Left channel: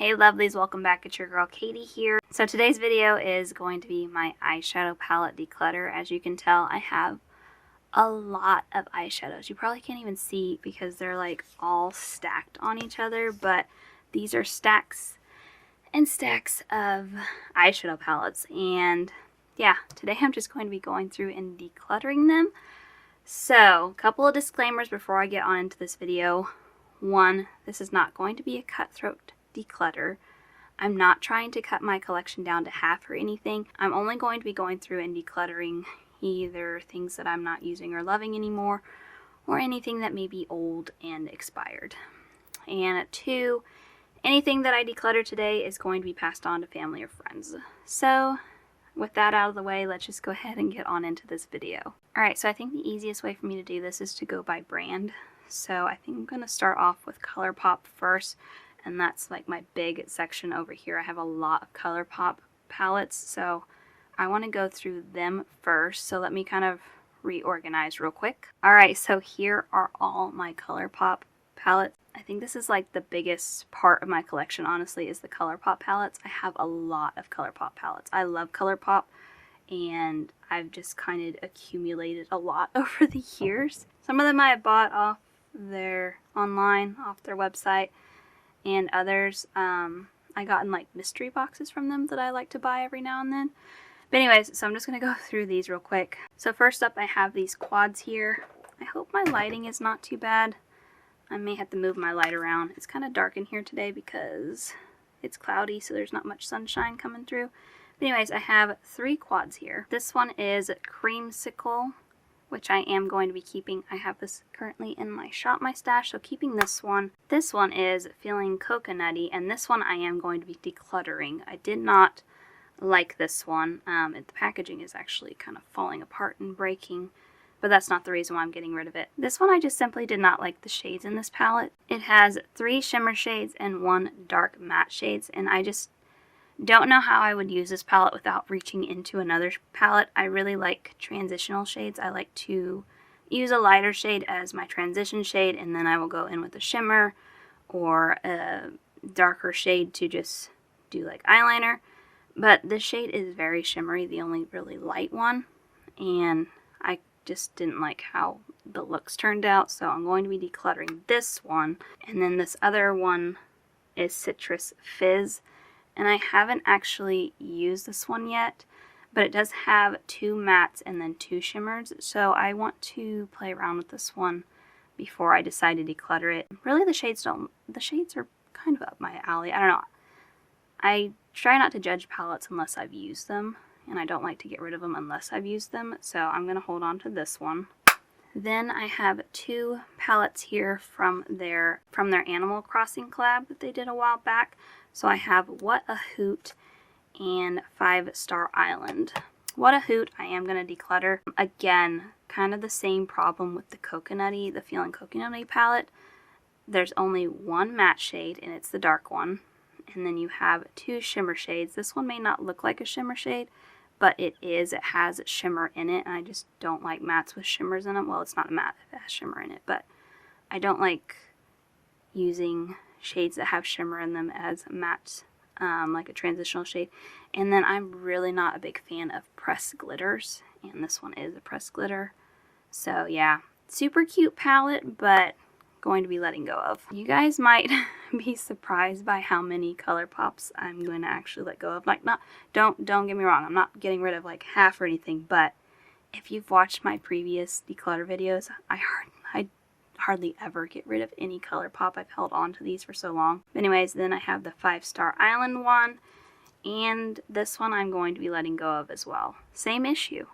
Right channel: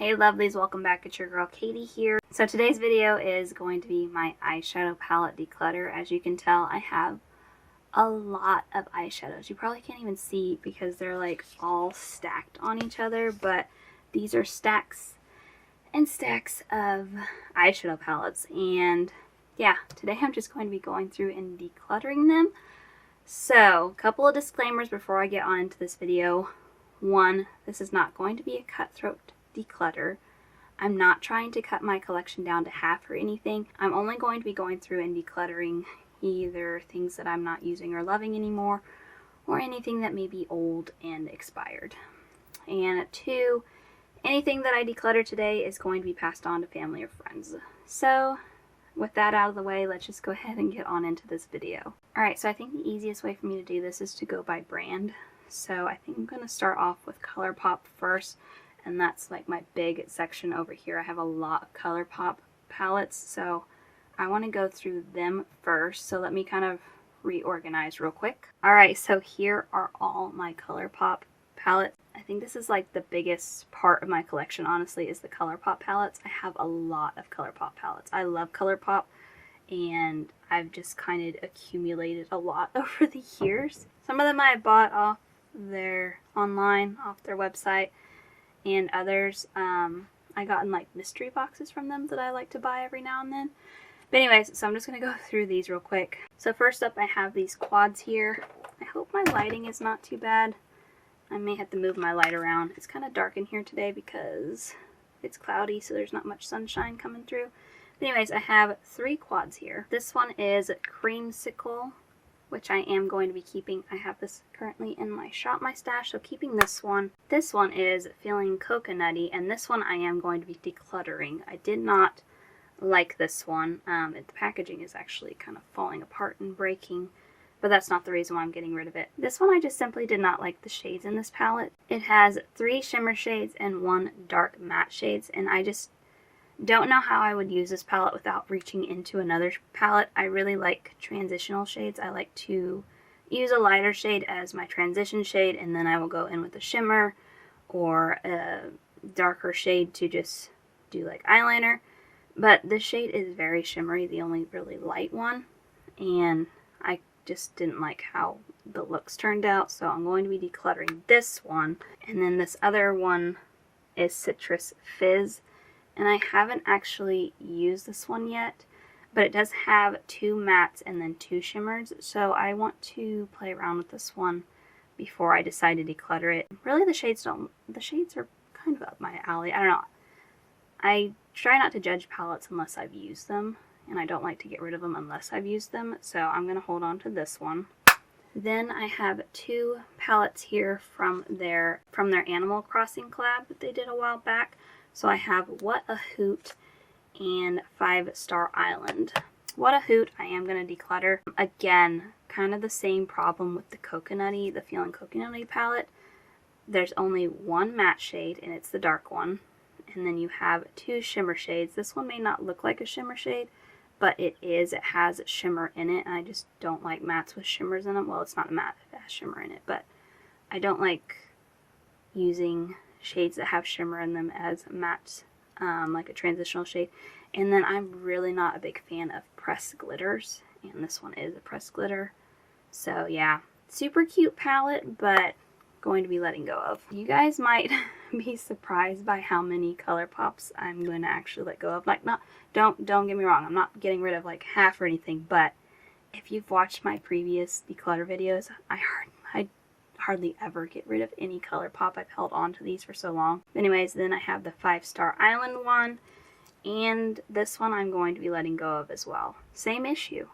Hey lovelies, welcome back. It's your girl Katie here. So today's video is going to be my eyeshadow palette declutter. As you can tell, I have a lot of eyeshadows. You probably can't even see because they're like all stacked on each other, but these are stacks and stacks of eyeshadow palettes. And yeah, today I'm just going to be going through and decluttering them. So, a couple of disclaimers before I get on into this video. One, this is not going to be a cutthroat declutter. I'm not trying to cut my collection down to half or anything. I'm only going to be going through and decluttering either things that I'm not using or loving anymore, or anything that may be old and expired. And two, anything that I declutter today is going to be passed on to family or friends. So with that out of the way, let's just go ahead and get on into this video. Alright, so I think the easiest way for me to do this is to go by brand. So I think I'm going to start off with ColourPop first, and that's like my big section over here. I have a lot of ColourPop palettes, so I want to go through them first. So let me kind of reorganize real quick. Alright, so here are all my ColourPop palettes. I think this is like the biggest part of my collection, honestly, is the ColourPop palettes. I have a lot of ColourPop palettes. I love ColourPop, and I've just kind of accumulated a lot over the years. Some of them I bought off their online, off their website, and others I got in like mystery boxes from them that I like to buy every now and then. But anyways, so I'm just going to go through these real quick. So first up, I have these quads here. I hope my lighting is not too bad. I may have to move my light around. It's kind of dark in here today because it's cloudy, so there's not much sunshine coming through. But anyways, I have 3 quads here. This one is Creamsicle, which I am going to be keeping. I have this currently in my shop, my stash, so keeping this one. This one is Feeling Coconutty, and this one I am going to be decluttering. I did not like this one. The packaging is actually kind of falling apart and breaking, but that's not the reason why I'm getting rid of it. This one I just simply did not like the shades in this palette. It has 3 shimmer shades and 1 dark matte shades, and I just don't know how I would use this palette without reaching into another palette. I really like transitional shades. I like to use a lighter shade as my transition shade, and then I will go in with a shimmer or a darker shade to just do like eyeliner. But this shade is very shimmery, the only really light one, and I just didn't like how the looks turned out, so I'm going to be decluttering this one. And then this other one is Citrus Fizz. And I haven't actually used this one yet, but it does have 2 mattes and then 2 shimmers, so I want to play around with this one before I decide to declutter it. Really, the shades are kind of up my alley. I don't know. I try not to judge palettes unless I've used them, and I don't like to get rid of them unless I've used them, so I'm going to hold on to this one. Then I have 2 palettes here from their Animal Crossing collab that they did a while back. So I have What a Hoot and 5 Star Island. What a Hoot I am going to declutter. Again, kind of the same problem with the Feeling Coconutty palette. There's only 1 matte shade, and it's the dark one. And then you have 2 shimmer shades. This one may not look like a shimmer shade, but it is. It has shimmer in it, and I just don't like mattes with shimmers in them. Well, it's not a matte, it has shimmer in it, but I don't like using shades that have shimmer in them as mattes, like a transitional shade. And then I'm really not a big fan of pressed glitters, and this one is a pressed glitter. So yeah, super cute palette, but going to be letting go of. You guys might be surprised by how many ColourPops I'm going to actually let go of. Like, don't get me wrong, I'm not getting rid of like half or anything, but if you've watched my previous declutter videos, I hardly ever get rid of any ColourPop. I've held on to these for so long. Anyways, then I have the 5 Star Island one, and this one I'm going to be letting go of as well. Same issue.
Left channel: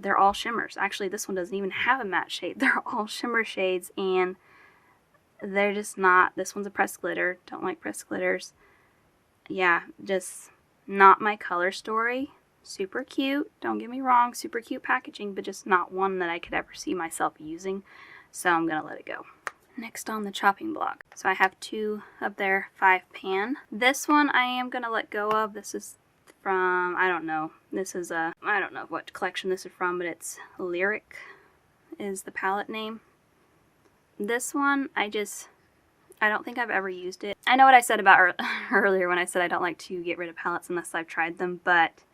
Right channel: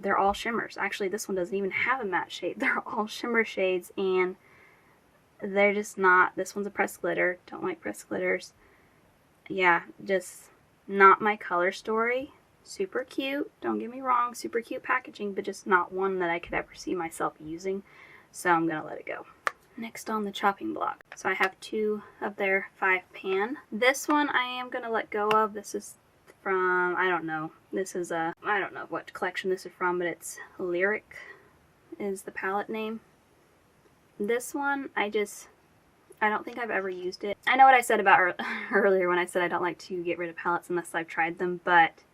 They're all shimmers. Actually, this one doesn't even have a matte shade. They're all shimmer shades, and they're just not. This one's a pressed glitter. Don't like pressed glitters. Yeah, just not my color story. Super cute. Don't get me wrong. Super cute packaging, but just not one that I could ever see myself using. So I'm going to let it go. Next on the chopping block. So I have 2 of their 5 pan. This one I am going to let go of. This is from, I don't know. This is I don't know what collection this is from, but it's Lyric is the palette name. This one, I don't think I've ever used it. I know what I said about earlier when I said I don't like to get rid of palettes unless I've tried them, but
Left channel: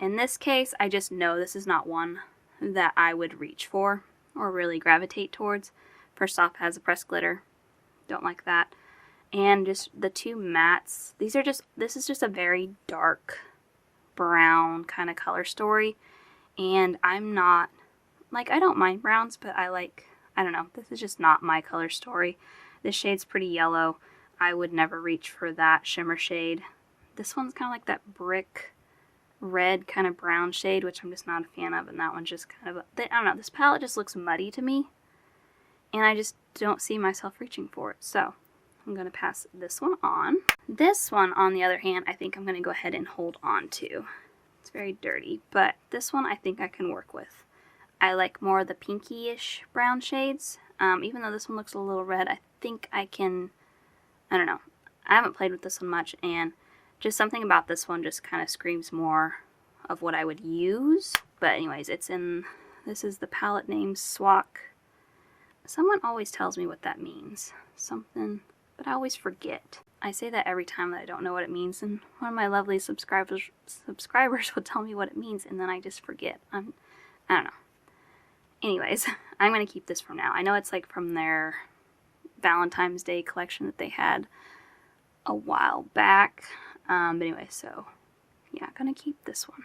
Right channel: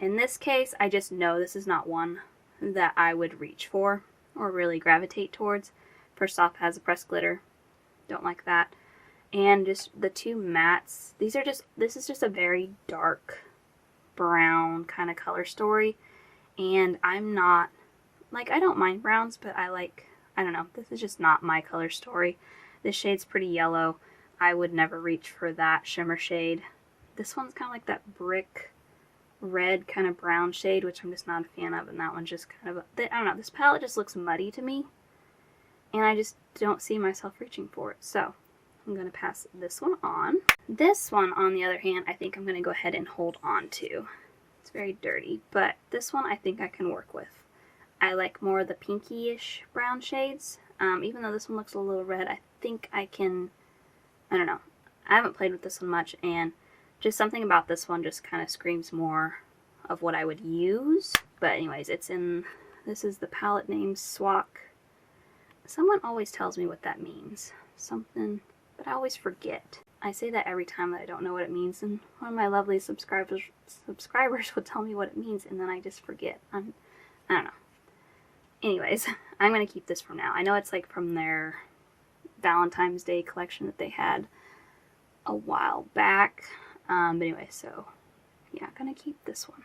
in this case, I just know this is not one that I would reach for or really gravitate towards. First off, it has a pressed glitter. Don't like that. And just the two mattes. This is just a very dark brown kind of color story. And I'm not, like, I don't mind browns, but I don't know, this is just not my color story. This shade's pretty yellow. I would never reach for that shimmer shade. This one's kind of like that brick red kind of brown shade, which I'm just not a fan of, and that one's just kind of, I don't know, this palette just looks muddy to me, and I just don't see myself reaching for it, so I'm going to pass this one on. This one, on the other hand, I think I'm going to go ahead and hold on to. It's very dirty, but this one I think I can work with. I like more of the pinky-ish brown shades, even though this one looks a little red. I think I can, I don't know, I haven't played with this one much, and just something about this one just kind of screams more of what I would use. But anyways, this is the palette name Swak. Someone always tells me what that means. Something, but I always forget. I say that every time that I don't know what it means, and one of my lovely subscribers would tell me what it means, and then I just forget. I don't know. Anyways, I'm going to keep this for now. I know it's like from their Valentine's Day collection that they had a while back. But anyway, so yeah, gonna keep this one.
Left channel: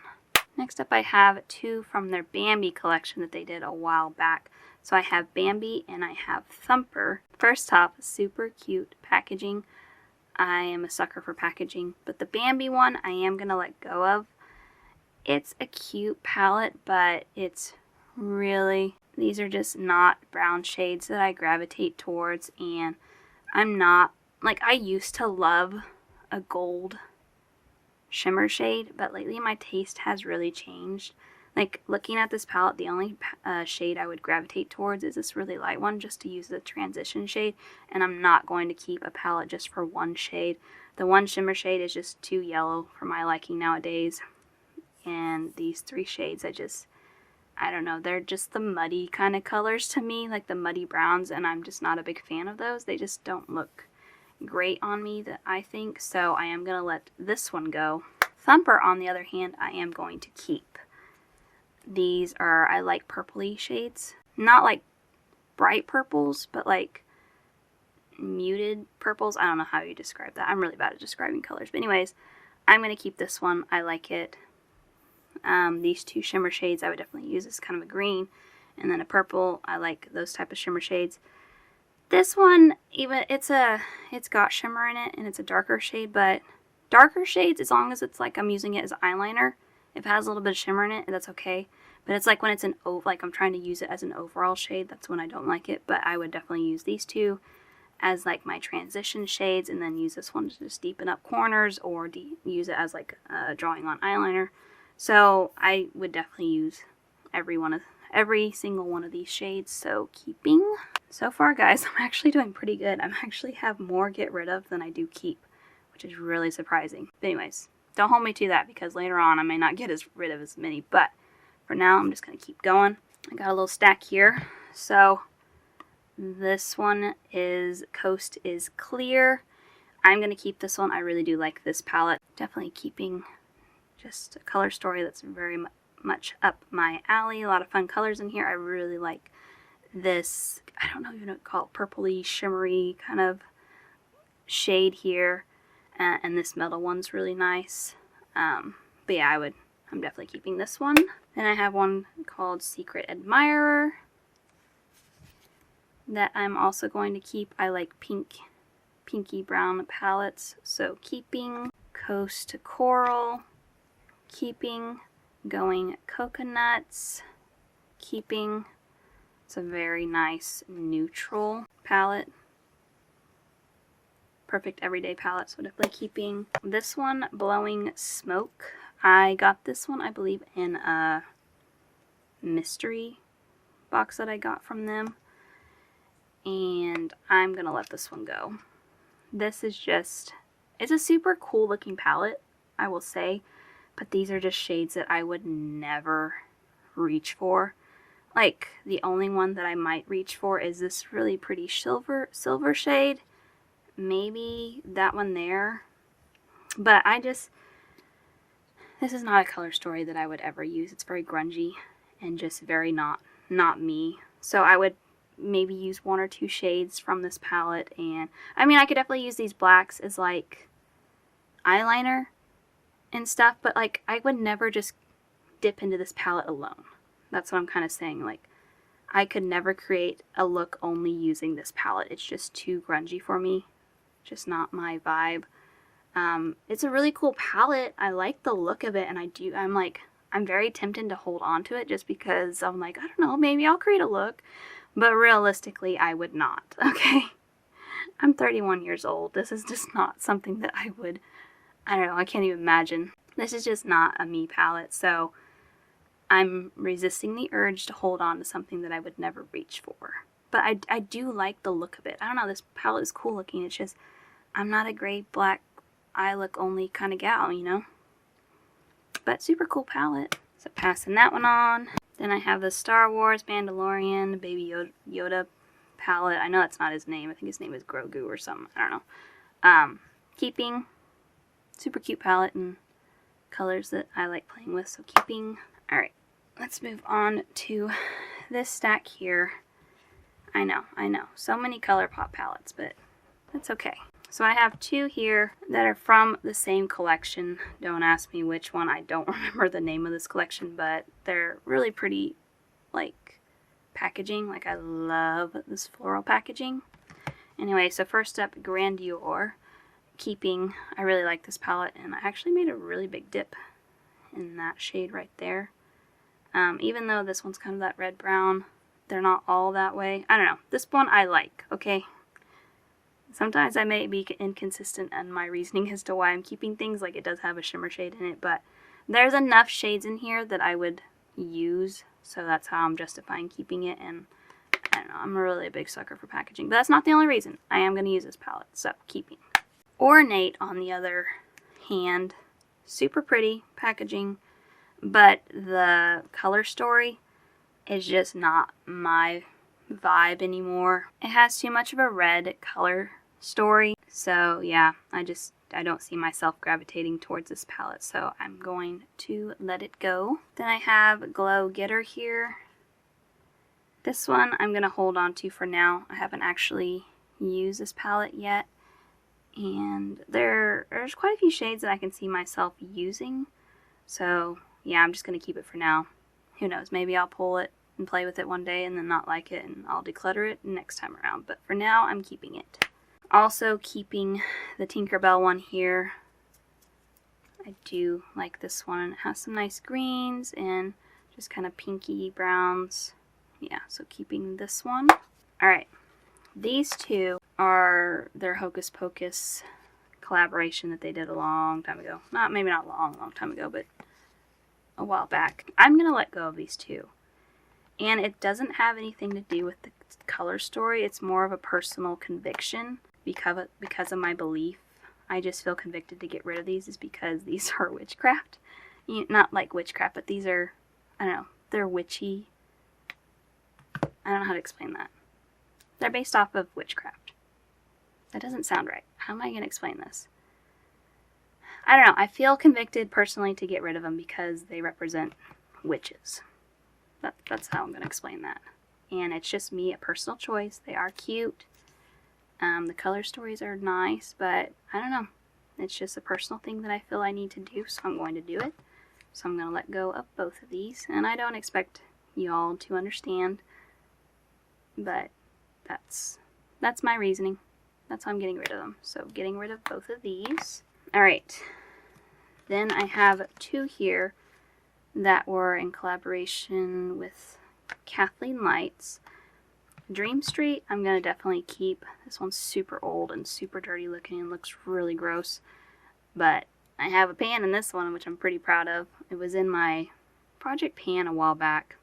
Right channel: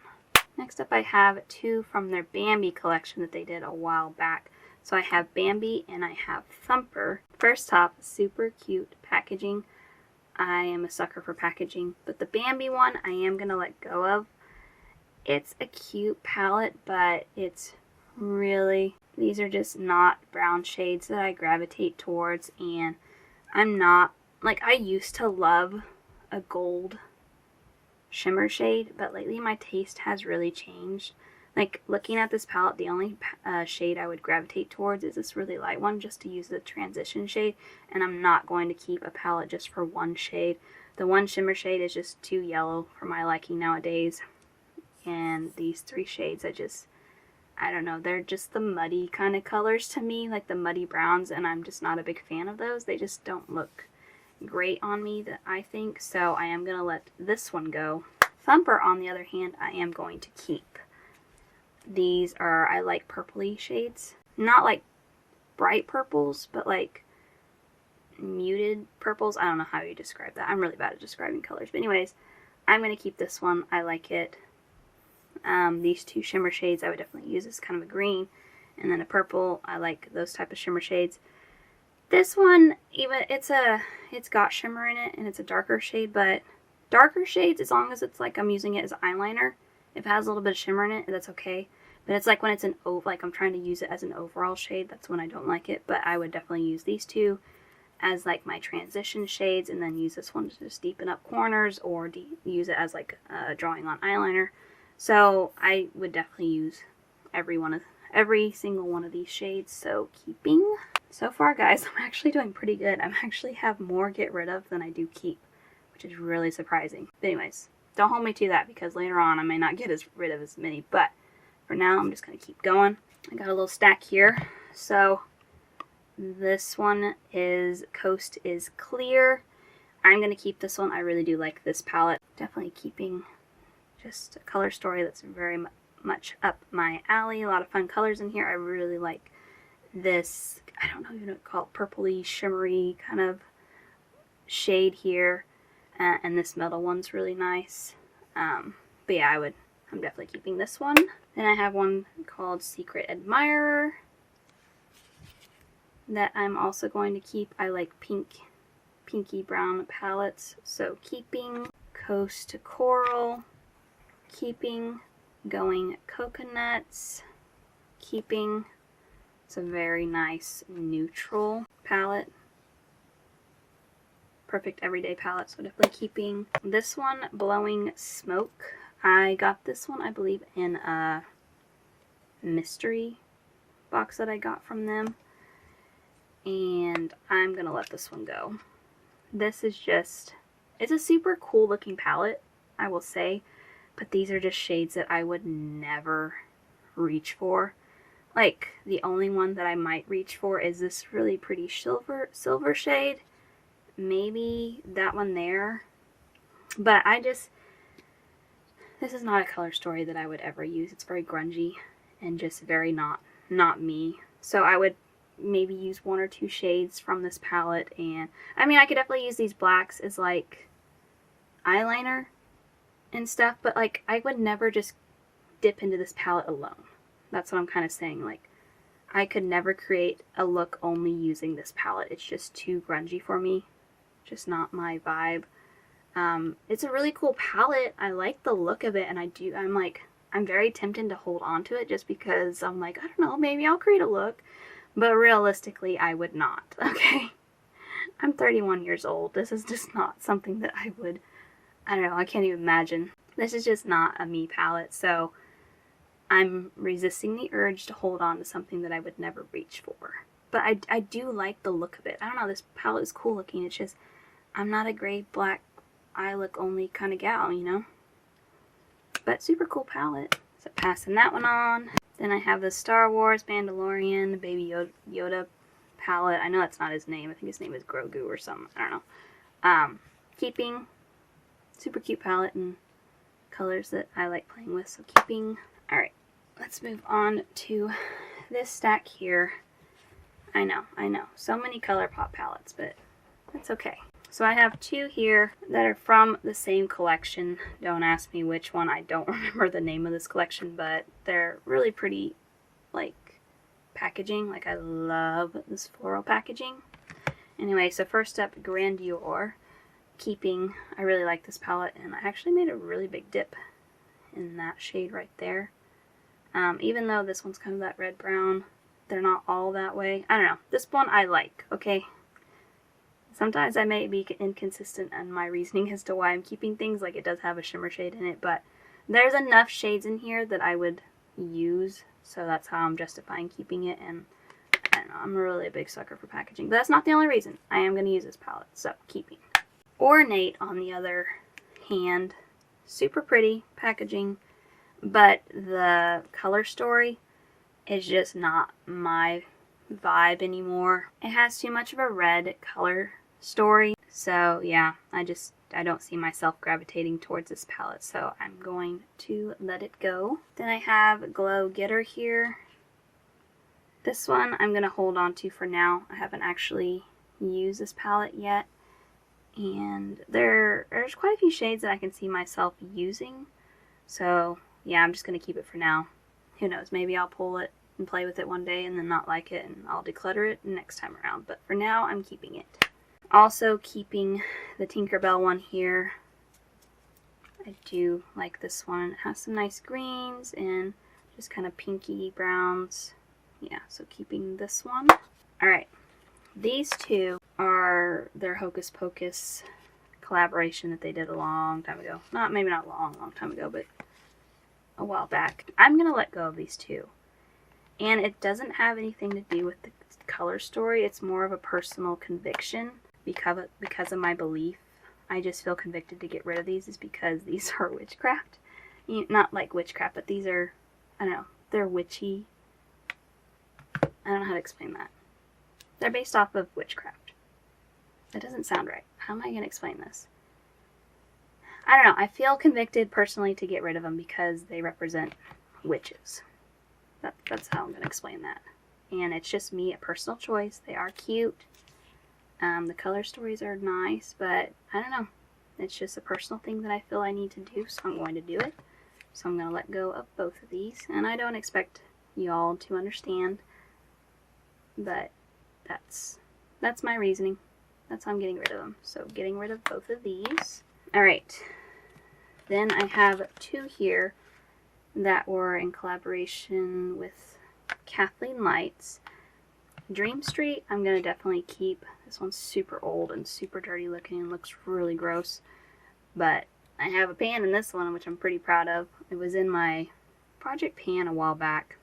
Next up I have two from their Bambi collection that they did a while back. So I have Bambi and I have Thumper. First off, super cute packaging. I am a sucker for packaging, but the Bambi one I am gonna let go of. It's a cute palette, but it's really, these are just not brown shades that I gravitate towards, and I'm not, like, I used to love a gold shimmer shade, but lately my taste has really changed. Like, looking at this palette, the only shade I would gravitate towards is this really light one, just to use the transition shade, and I'm not going to keep a palette just for one shade. The one shimmer shade is just too yellow for my liking nowadays, and these three shades, I don't know, they're just the muddy kind of colors to me, like the muddy browns, and I'm just not a big fan of those. They just don't look great on me, that I think, so I am going to let this one go. Thumper, on the other hand, I am going to keep. These are, I like purpley shades. Not like bright purples, but like muted purples. I don't know how you describe that. I'm really bad at describing colors. But anyways, I'm going to keep this one. I like it. These two shimmer shades I would definitely use. It's kind of a green and then a purple. I like those type of shimmer shades. This one, even it's got shimmer in it, and it's a darker shade, but darker shades, as long as it's like I'm using it as eyeliner, if it has a little bit of shimmer in it, that's okay. But it's like when it's like I'm trying to use it as an overall shade, that's when I don't like it. But I would definitely use these two as like my transition shades, and then use this one to just deepen up corners, or use it as like drawing on eyeliner. So I would definitely use every single one of these shades. So keeping. So far, guys, I'm actually doing pretty good. I actually have more get rid of than I do keep, which is really surprising. But anyways, don't hold me to that, because later on I may not get rid of as many. But for now, I'm just going to keep going. I got a little stack here. So this one is Coast is Clear. I'm going to keep this one. I really do like this palette. Definitely keeping just a color story that's very much up my alley. A lot of fun colors in here. I really like this, I don't know even what to call it, purpley, shimmery kind of shade here. And this metal one's really nice. But yeah, I'm definitely keeping this one. Then I have one called Secret Admirer that I'm also going to keep. I like pinky brown palettes, so keeping. Coast to Coral, keeping. Going Coconuts, keeping. It's a very nice neutral palette. Perfect everyday palette, so definitely keeping. This one, Blowing Smoke. I got this one, I believe, in a mystery box that I got from them. And I'm going to let this one go. This is just, it's a super cool looking palette, I will say. But these are just shades that I would never reach for. Like, the only one that I might reach for is this really pretty silver shade. maybe that one there. But this is not a color story that I would ever use. It's very grungy and just very not me. So I would maybe use 1 or 2 shades from this palette. And I mean, I could definitely use these blacks as like eyeliner and stuff, but like I would never just dip into this palette alone. That's what I'm kind of saying. Like, I could never create a look only using this palette. It's just too grungy for me. Just not my vibe. It's a really cool palette. I like the look of it, and I'm very tempted to hold on to it just because I'm like, I don't know, maybe I'll create a look. But realistically, I would not, okay? I'm 31 years old. This is just not something that I would, I don't know, I can't even imagine. This is just not a me palette, so I'm resisting the urge to hold on to something that I would never reach for. But I do like the look of it. I don't know, this palette is cool looking. It's just, I'm not a gray, black, eye look only kind of gal, you know? But super cool palette. So passing that one on. Then I have the Star Wars Mandalorian Baby Yoda palette. I know that's not his name. I think his name is Grogu or something. I don't know. Keeping. Super cute palette and colors that I like playing with. So keeping. Alright. Let's move on to this stack here. I know. So many ColourPop palettes, but that's okay. So I have 2 here that are from the same collection. Don't ask me which one. I don't remember the name of this collection, but they're really pretty, like, packaging. Like, I love this floral packaging. Anyway, so first up, Grandeur. Keeping. I really like this palette, and I actually made a really big dip in that shade right there. Even though this one's kind of that red-brown, they're not all that way. I don't know. This one I like, okay? Sometimes I may be inconsistent in my reasoning as to why I'm keeping things. Like, it does have a shimmer shade in it, but there's enough shades in here that I would use, so that's how I'm justifying keeping it. And I don't know, I'm really a big sucker for packaging, but that's not the only reason. I am going to use this palette, so keeping. Ornate, on the other hand, super pretty packaging, but the color story is just not my vibe anymore. It has too much of a red color story, so yeah, I don't see myself gravitating towards this palette, so I'm going to let it go. Then I have Glow Getter here. This one I'm gonna hold on to for now. I haven't actually used this palette yet, and there's quite a few shades that I can see myself using, so yeah, I'm just gonna keep it for now. Who knows, maybe I'll pull it and play with it one day and then not like it, and I'll declutter it next time around. But for now, I'm keeping it. Also keeping the Tinkerbell one here. I do like this one. It has some nice greens and just kind of pinky browns. Yeah, so keeping this one. Alright, these 2 are their Hocus Pocus collaboration that they did a long time ago. Maybe not long time ago, but a while back. I'm going to let go of these 2. And it doesn't have anything to do with the color story. It's more of a personal conviction because of my belief. I just feel convicted to get rid of these is because these are witchcraft. Not like witchcraft, but these are, I don't know, they're witchy. I don't know how to explain that. They're based off of witchcraft. That doesn't sound right. How am I going to explain this? I don't know. I feel convicted personally to get rid of them because they represent witches. That's how I'm going to explain that. And it's just me, a personal choice. They are cute. The color stories are nice, but I don't know. It's just a personal thing that I feel I need to do, so I'm going to do it. So I'm going to let go of both of these. And I don't expect you all to understand, but that's my reasoning. That's how I'm getting rid of them. So getting rid of both of these. Alright. Then I have 2 here that were in collaboration with Kathleen Lights. Dream Street, I'm going to definitely keep. This one's super old and super dirty looking and looks really gross. But I have a pan in this one, which I'm pretty proud of. It was in my project pan a while back.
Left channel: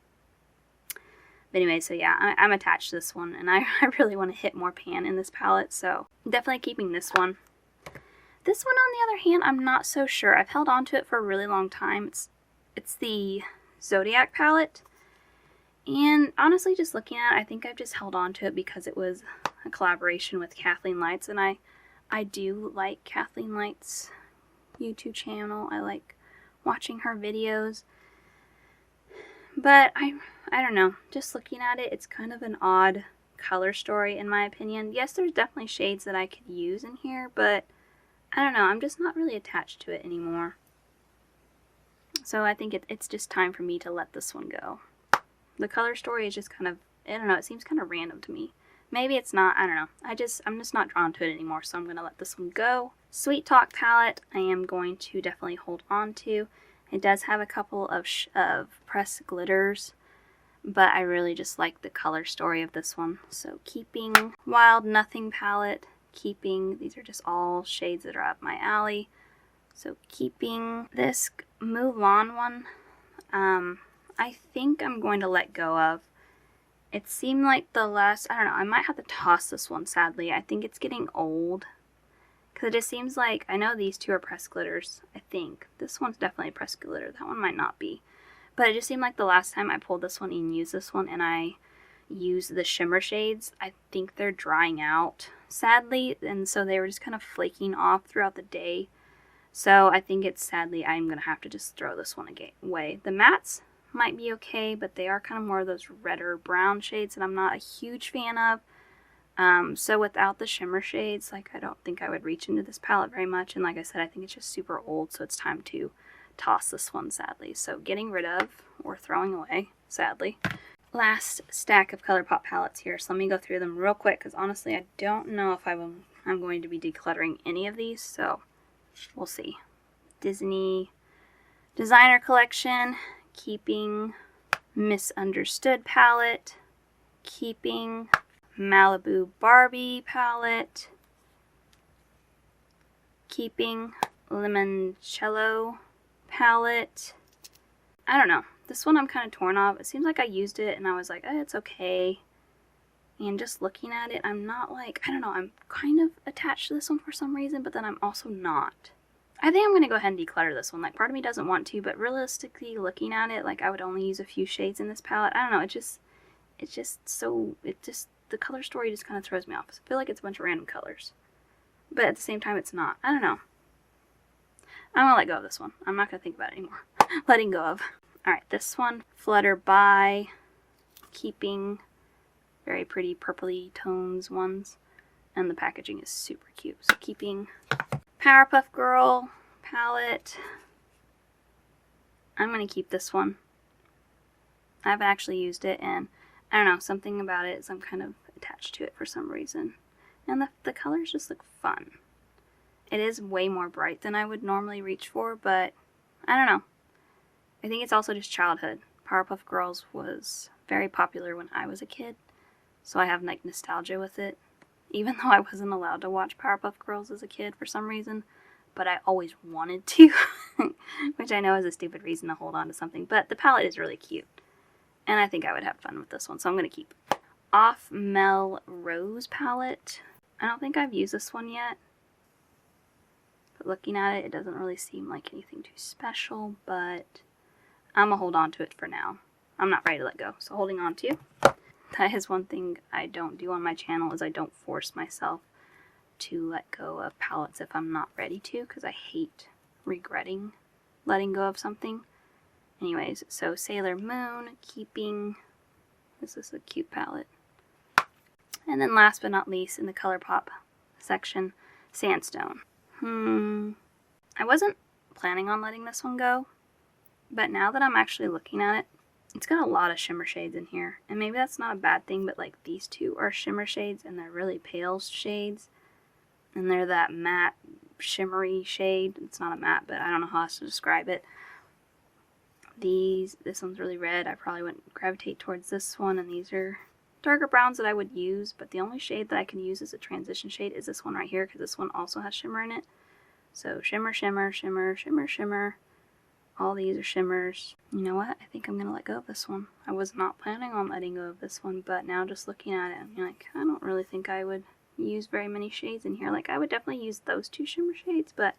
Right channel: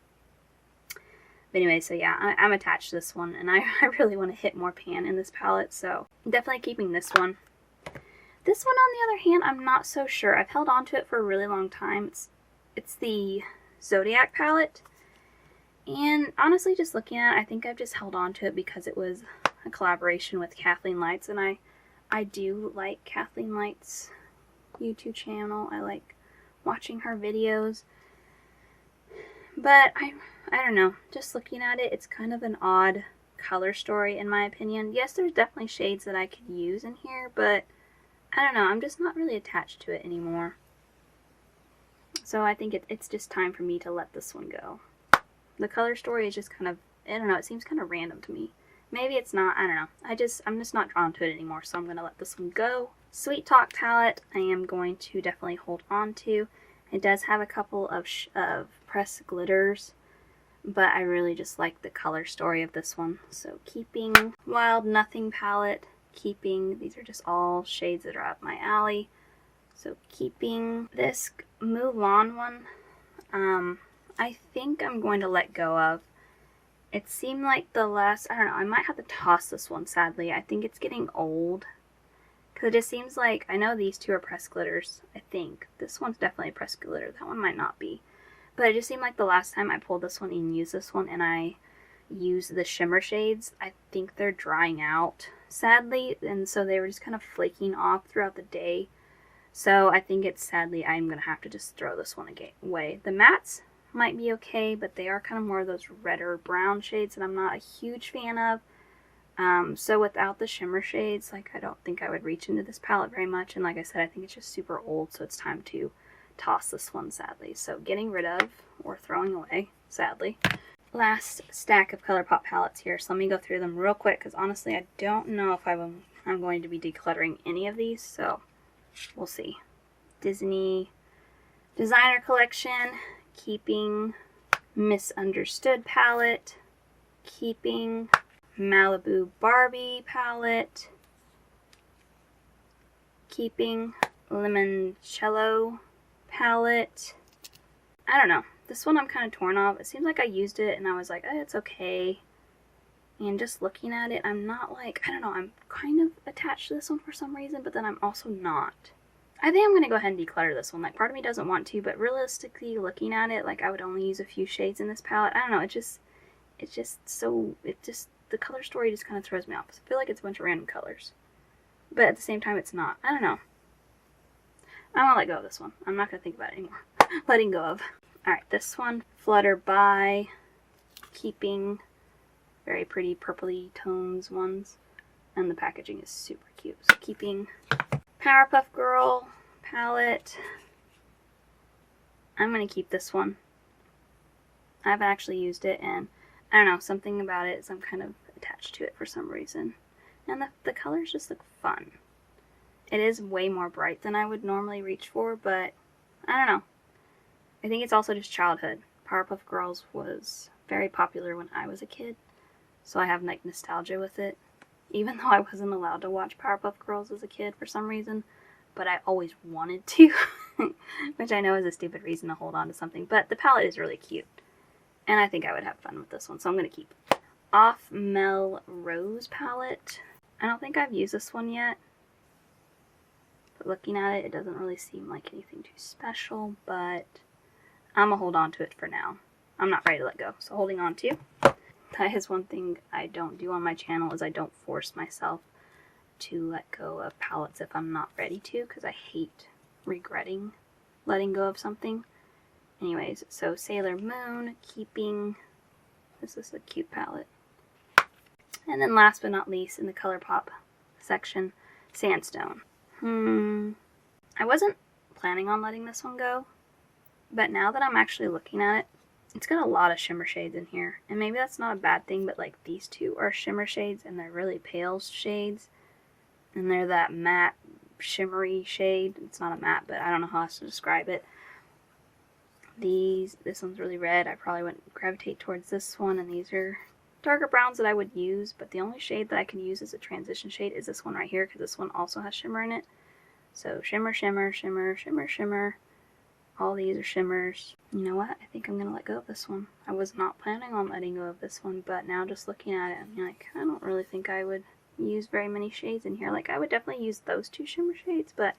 But anyway, so yeah, I'm attached to this one, and I really want to hit more pan in this palette, so definitely keeping this one. This one, on the other hand, I'm not so sure. I've held on to it for a really long time. It's the Zodiac palette. And honestly, just looking at it, I think I've just held on to it because it was a collaboration with Kathleen Lights, and I I do like Kathleen Light's YouTube channel. I like watching her videos. But I don't know. Just looking at it, it's kind of an odd color story in my opinion. Yes, there's definitely shades that I could use in here, but I don't know. I'm just not really attached to it anymore. So I think it's just time for me to let this one go. The color story is just kind of, I don't know, it seems kind of random to me. Maybe it's not, I don't know. I'm just not drawn to it anymore, so I'm going to let this one go. Sweet Talk palette, I am going to definitely hold on to. It does have a couple of pressed glitters, but I really just like the color story of this one. So keeping Wild Nothing palette, keeping, these are just all shades that are up my alley. So keeping this Mulan one, I think I'm going to let go of. It seemed like the last, I don't know, I might have to toss this one, sadly. I think it's getting old. Because it just seems like, I know these two are pressed glitters, I think. This one's definitely a pressed glitter. That one might not be. But it just seemed like the last time I pulled this one and used this one and I used the shimmer shades, I think they're drying out, sadly. And so they were just kind of flaking off throughout the day. So I think it's sadly I'm going to have to just throw this one away. The mattes might be okay, but they are kind of more of those redder brown shades that I'm not a huge fan of. So without the shimmer shades, like I don't think I would reach into this palette very much. And like I said, I think it's just super old, so it's time to toss this one, sadly. So getting rid of or throwing away, sadly. Last stack of ColourPop palettes here. So let me go through them real quick because honestly I don't know if I'm going to be decluttering any of these, so we'll see. Disney Designer Collection, keeping Misunderstood palette, keeping Malibu Barbie palette, keeping Limoncello palette. I don't know. This one I'm kind of torn off. It seems like I used it and I was like, it's okay. And just looking at it, I'm not like, I don't know, I'm kind of attached to this one for some reason, but then I'm also not. I think I'm going to go ahead and declutter this one. Like, part of me doesn't want to, but realistically looking at it, like, I would only use a few shades in this palette. I don't know, the color story just kind of throws me off. I feel like it's a bunch of random colors. But at the same time, it's not. I don't know. I'm going to let go of this one. I'm not going to think about it anymore. Letting go of. Alright, this one, Flutter By, keeping very pretty purpley tones ones. And the packaging is super cute. So keeping Powerpuff Girl palette. I'm going to keep this one. I haven't actually used it, and I don't know, something about it is I'm kind of attached to it for some reason. And the colors just look fun. It is way more bright than I would normally reach for, but I don't know. I think it's also just childhood. Powerpuff Girls was very popular when I was a kid, so I have like nostalgia with it. Even though I wasn't allowed to watch Powerpuff Girls as a kid for some reason, but I always wanted to, which I know is a stupid reason to hold on to something, but the palette is really cute, and I think I would have fun with this one, so I'm going to keep it. Off Mel Rose palette. I don't think I've used this one yet, but looking at it, it doesn't really seem like anything too special, but I'm going to hold on to it for now. I'm not ready to let go, so holding on to. That is one thing I don't do on my channel, is I don't force myself to let go of palettes if I'm not ready to, because I hate regretting letting go of something. Anyways, so Sailor Moon, keeping, this is a cute palette. And then last but not least, in the ColourPop section, Sandstone. I wasn't planning on letting this one go, but now that I'm actually looking at it, it's got a lot of shimmer shades in here, and maybe that's not a bad thing, but like these two are shimmer shades, and they're really pale shades, and they're that matte shimmery shade. It's not a matte, but I don't know how else to describe it. This one's really red. I probably wouldn't gravitate towards this one, and these are darker browns that I would use, but the only shade that I can use as a transition shade is this one right here, because this one also has shimmer in it. So shimmer, shimmer, shimmer, shimmer, shimmer. All these are shimmers. You know what? I think I'm going to let go of this one. I was not planning on letting go of this one, but now just looking at it, I'm like, I don't really think I would use very many shades in here. Like, I would definitely use those two shimmer shades, but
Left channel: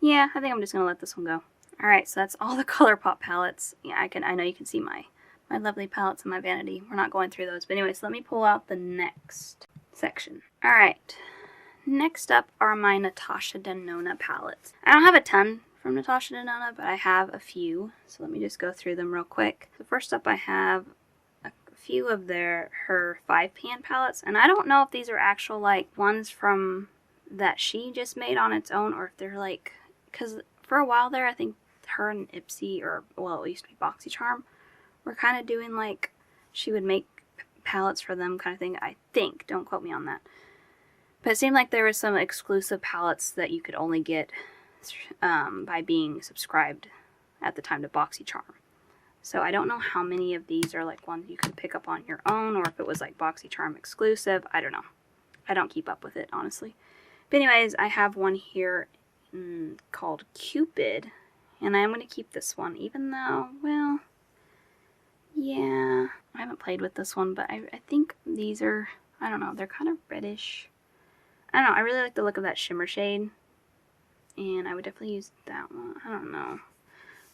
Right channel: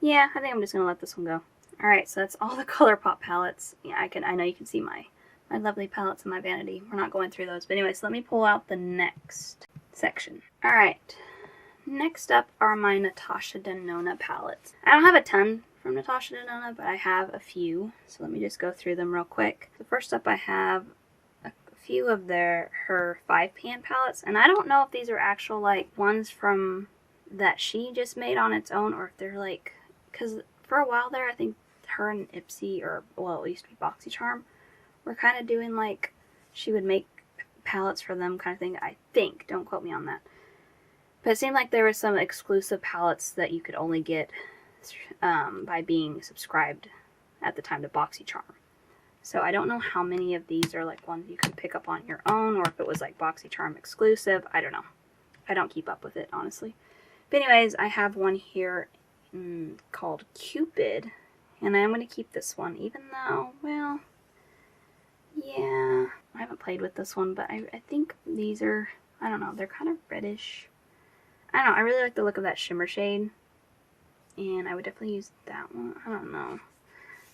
yeah, I think I'm just going to let this one go. Alright, so that's all the ColourPop palettes. Yeah, I know you can see my lovely palettes in my vanity. We're not going through those, but anyways, let me pull out the next section. Alright, Next up are my Natasha Denona palettes. I don't have a ton from Natasha Denona, but I have a few. So let me just go through them real quick. So first up I have a few of her 5-pan palettes. And I don't know if these are actual like ones from that she just made on its own, or if they're like, because for a while there I think her and Ipsy, or well it used to be BoxyCharm, were kind of doing like, she would make palettes for them kind of thing, I think. Don't quote me on that. But it seemed like there were some exclusive palettes that you could only get by being subscribed at the time to BoxyCharm. So I don't know how many of these are like ones you can pick up on your own, or if it was like BoxyCharm exclusive. I don't know. I don't keep up with it, honestly. But anyways, I have one here called Cupid. And I'm going to keep this one, even though, well, yeah, I haven't played with this one, but I think these are, I don't know, they're kind of reddish. I don't know, I really like the look of that shimmer shade, and I would definitely use that one. I don't know.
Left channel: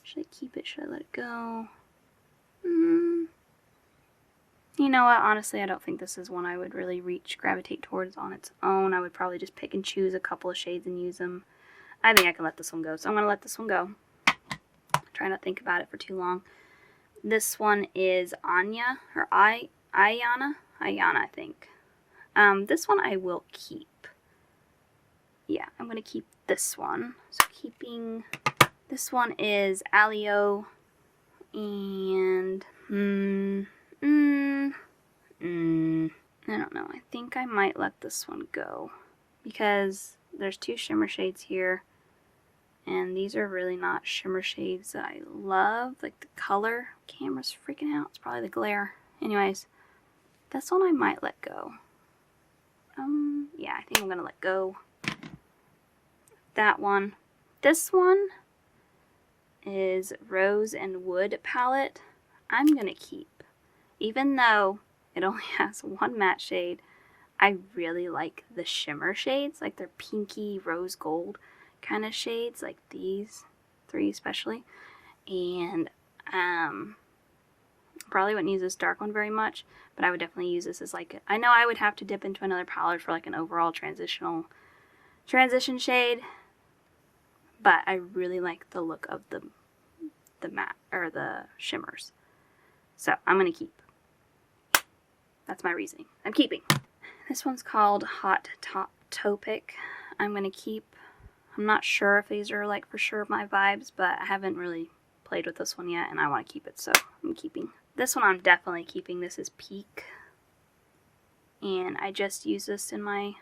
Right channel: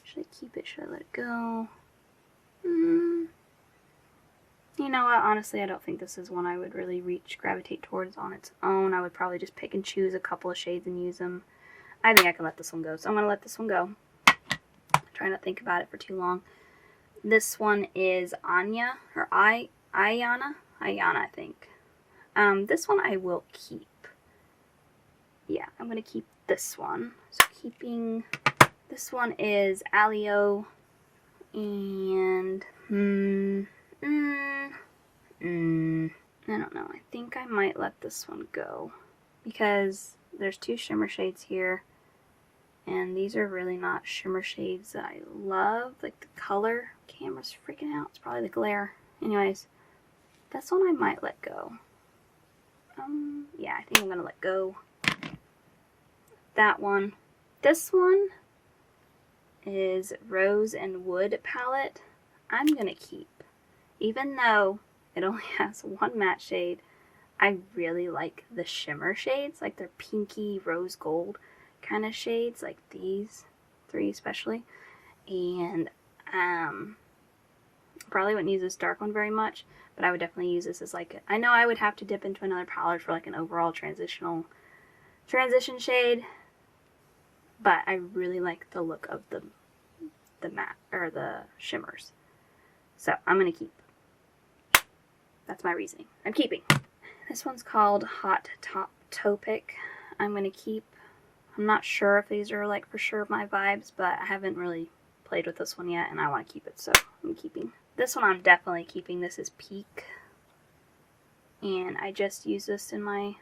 Should I keep it? Should I let it go? You know what? Honestly, I don't think this is one I would really gravitate towards on its own. I would probably just pick and choose a couple of shades and use them. I think I can let this one go, so I'm going to let this one go. Try not to think about it for too long. This one is Anya, or Ayana, I think. This one I will keep. Yeah, I'm going to keep this one. So keeping, this one is Alio, and, I don't know, I think I might let this one go, because there's 2 shimmer shades here, and these are really not shimmer shades that I love. Like the color, camera's freaking out, it's probably the glare. Anyways, this one I might let go. Yeah, I think I'm going to let go. That one. This one is Rose and Wood palette. I'm going to keep. Even though it only has 1 matte shade, I really like the shimmer shades. Like they're pinky, rose gold kind of shades. Like these 3 especially. And probably wouldn't use this dark one very much, but I would definitely use this as like, I know I would have to dip into another palette for like an overall transition shade, but I really like the look of the matte, or the shimmers. So I'm going to keep. That's my reasoning. I'm keeping. This one's called Hot Top Topic. I'm going to keep. I'm not sure if these are like for sure my vibes, but I haven't really played with this one yet, and I want to keep it, so I'm keeping. This one I'm definitely keeping. This is Peak, and I just used this in my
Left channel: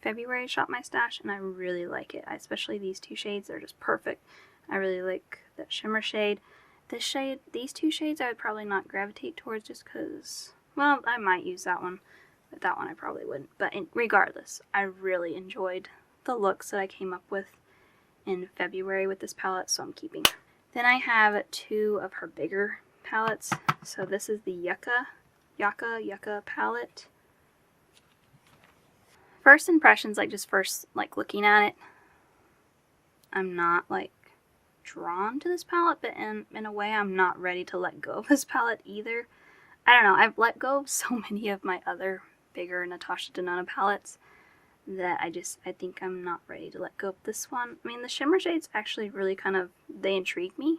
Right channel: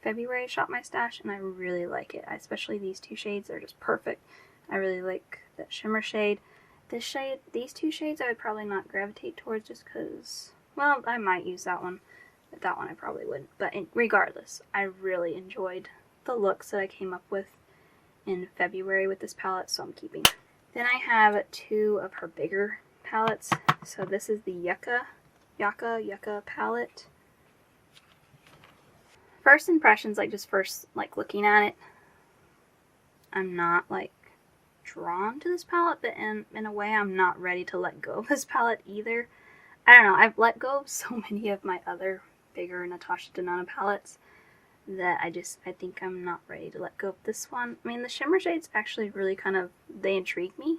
February Shop My Stash, and I really like it. Especially these 2 shades, they're just perfect. I really like that shimmer shade. This shade, these 2 shades I would probably not gravitate towards, just because, well, I might use that one, but that one I probably wouldn't. But regardless, I really enjoyed the looks that I came up with in February with this palette, so I'm keeping. Then I have 2 of her bigger palettes. So this is the Yucca palette. First impressions, like just first like looking at it, I'm not like drawn to this palette, but in a way I'm not ready to let go of this palette either. I don't know, I've let go of so many of my other bigger Natasha Denona palettes that I think I'm not ready to let go of this one. I mean, the shimmer shades actually really kind of, they intrigue me.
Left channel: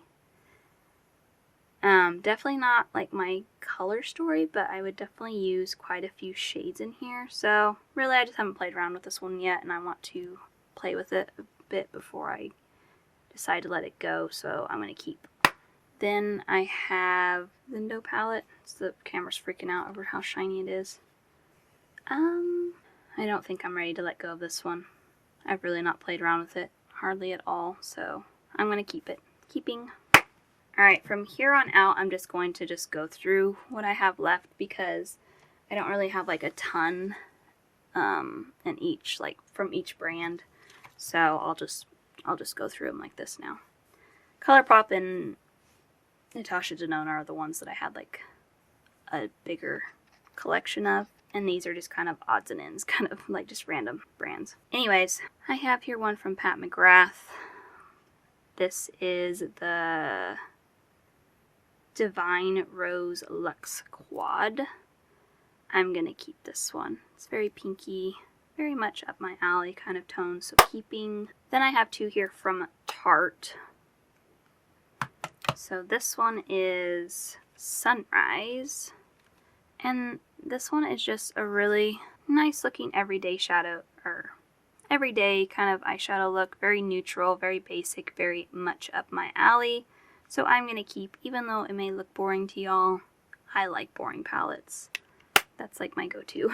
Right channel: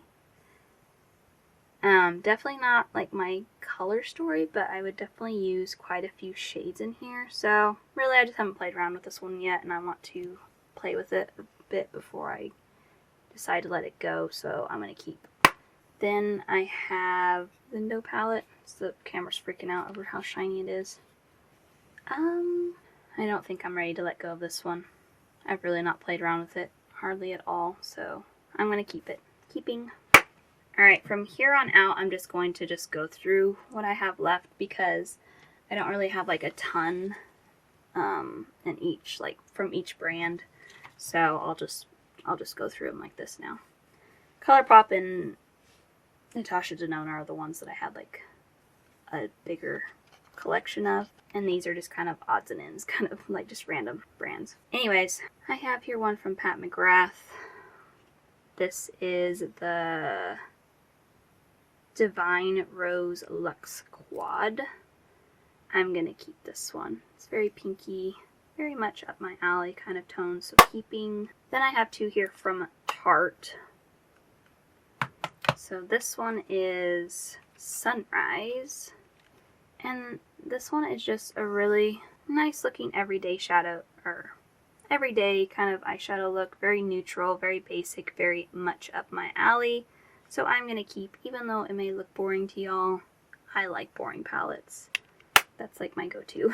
Definitely not like my color story, but I would definitely use quite a few shades in here. So really I just haven't played around with this one yet, and I want to play with it a bit before I decide to let it go, so I'm going to keep. Then I have Lindo palette. So the camera's freaking out over how shiny it is. I don't think I'm ready to let go of this one. I've really not played around with it hardly at all, so I'm going to keep it. Keeping. Alright, from here on out, I'm just going to go through what I have left, because I don't really have like a ton in each, like from each brand. So I'll just go through them like this now. ColourPop and Natasha Denona are the ones that I had like a bigger collection of, and these are just kind of odds and ends, kind of like just random brands. Anyways, I have here one from Pat McGrath. This is the Divine Rose Luxe Quad. I'm gonna keep this one. It's very pinky, very much up my alley kind of tones, so keeping. Then I have two here from Tarte. So this one is Sunrise, and this one is just a really nice looking everyday shadow, or everyday kind of eyeshadow look. Very neutral, very basic, very much up my alley. So I'm going to keep, even though it may look boring to y'all, I like boring palettes. That's like my go-to.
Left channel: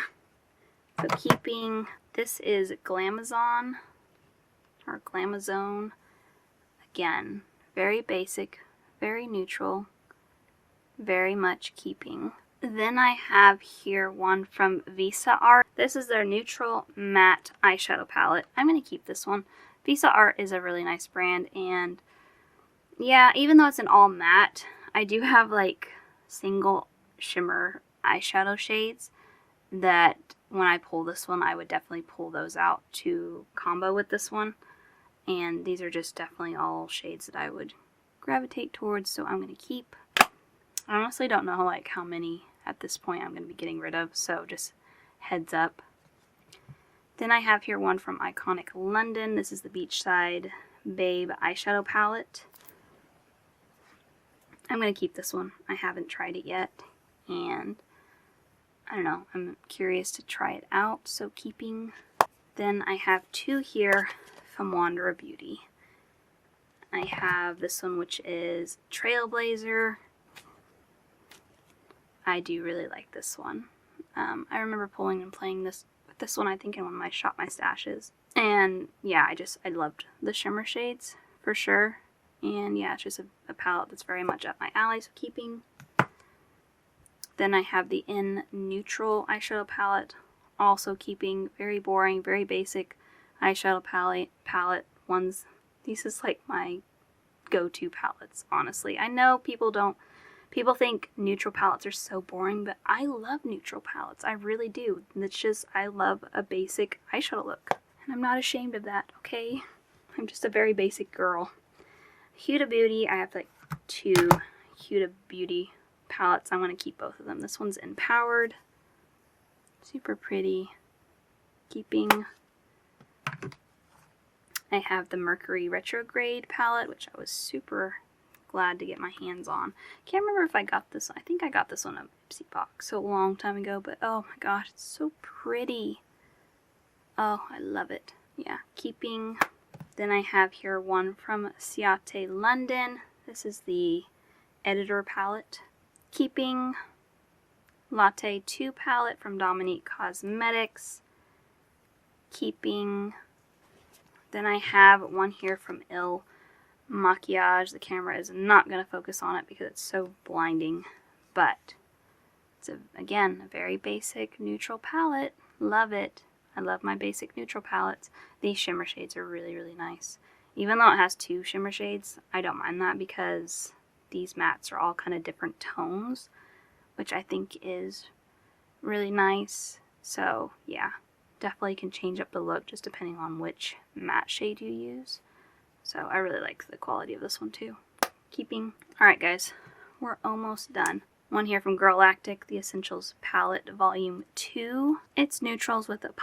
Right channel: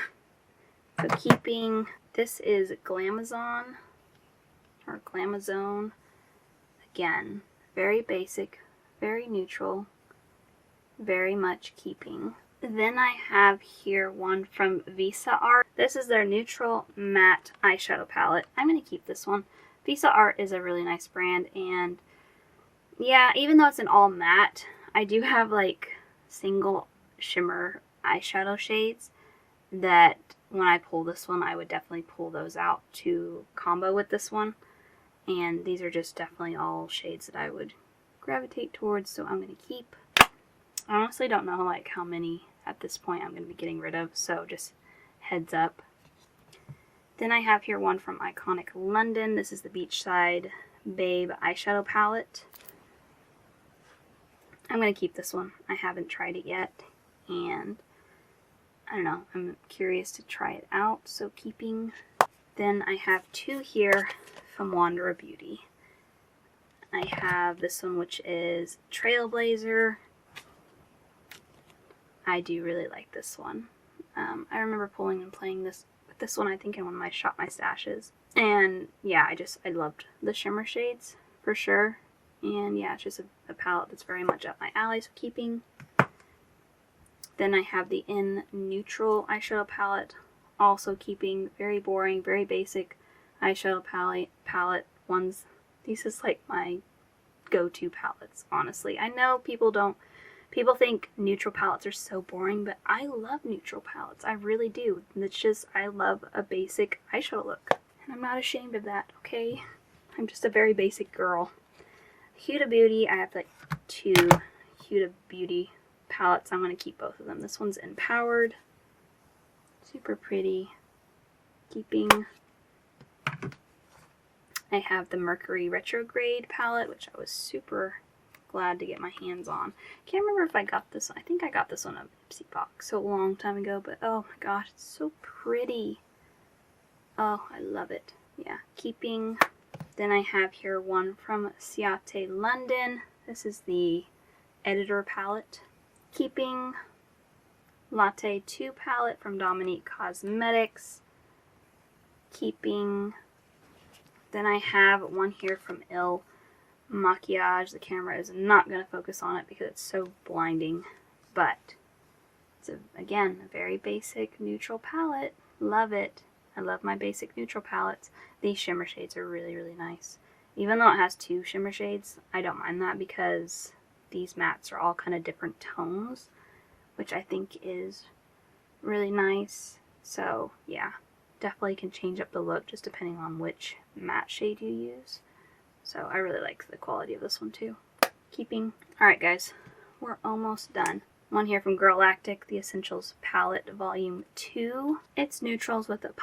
So keeping, this is Glamazon, or Glamazone. Again, very basic, very neutral, very much keeping. Then I have here one from Visa Art. This is their neutral matte eyeshadow palette. I'm going to keep this one. Visa Art is a really nice brand, and yeah, even though it's an all matte, I do have like single shimmer eyeshadow shades that when I pull this one, I would definitely pull those out to combo with this one. And these are just definitely all shades that I would gravitate towards, so I'm going to keep. I honestly don't know like how many at this point I'm going to be getting rid of, so just heads up. Then I have here one from Iconic London. This is the Beachside Babe eyeshadow palette. I'm going to keep this one. I haven't tried it yet, and I don't know, I'm curious to try it out, so keeping. Then I have two here from Wanderer Beauty. I have this one, which is Trailblazer. I do really like this one. I remember pulling and playing this with this one, I think, in one of my Shop My Stashes. And yeah, I loved the shimmer shades for sure. And yeah, it's just a palette that's very much up my alley, so keeping. Then I have the In Neutral eyeshadow palette, also keeping. Very boring, very basic eyeshadow palette ones. These is like my go-to palettes, honestly. I know people think neutral palettes are so boring, but I love neutral palettes. I really do. It's just, I love a basic eyeshadow look. And I'm not ashamed of that, okay? I'm just a very basic girl. Huda Beauty, I have like two Huda Beauty palettes. I'm going to keep both of them. This one's Empowered. Super pretty. Keeping. I have the Mercury Retrograde palette, which I was super glad to get my hands on. Can't remember if I got this. I think I got this on a Ipsy box so a long time ago, but oh my gosh, it's so pretty. Oh, I love it. Yeah, keeping. Then I have here one from Ciate London. This is the Editor palette. Keeping. Latte 2 palette from Dominique Cosmetics. Keeping. Then I have one here from Il Maquillage. The camera is not going to focus on it because it's so blinding, but it's again a very basic neutral palette. Love it. I love my basic neutral palettes. These shimmer shades are really, really nice. Even though it has two shimmer shades, I don't mind that because these mattes are all kind of different tones, which I think is really nice. So yeah, definitely can change up the look just depending on which matte shade you use. So I really like the quality of this one too. Keeping. Alright guys, we're almost done. One here from Girlactic, the Essentials Palette Volume 2. It's neutrals with the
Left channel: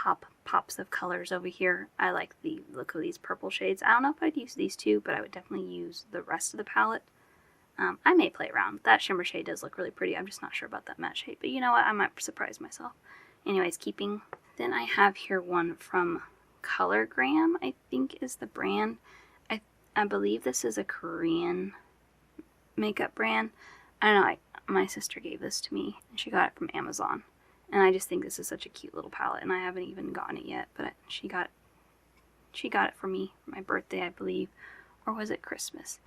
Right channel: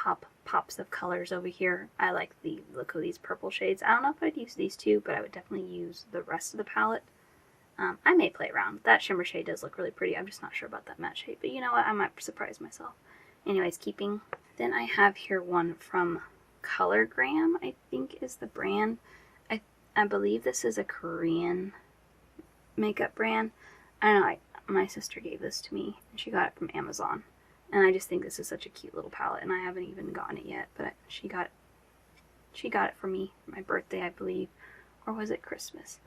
pops of colors over here. I like the look of these purple shades. I don't know if I'd use these two, but I would definitely use the rest of the palette. I may play around. That shimmer shade does look really pretty. I'm just not sure about that matte shade, but you know what? I might surprise myself. Anyways, keeping. Then I have here one from Colorgram, I think is the brand. I believe this is a Korean makeup brand. I don't know, my sister gave this to me, and she got it from Amazon. And I just think this is such a cute little palette, and I haven't even gotten it yet, but she got it for me for my birthday, I believe. Or was it Christmas?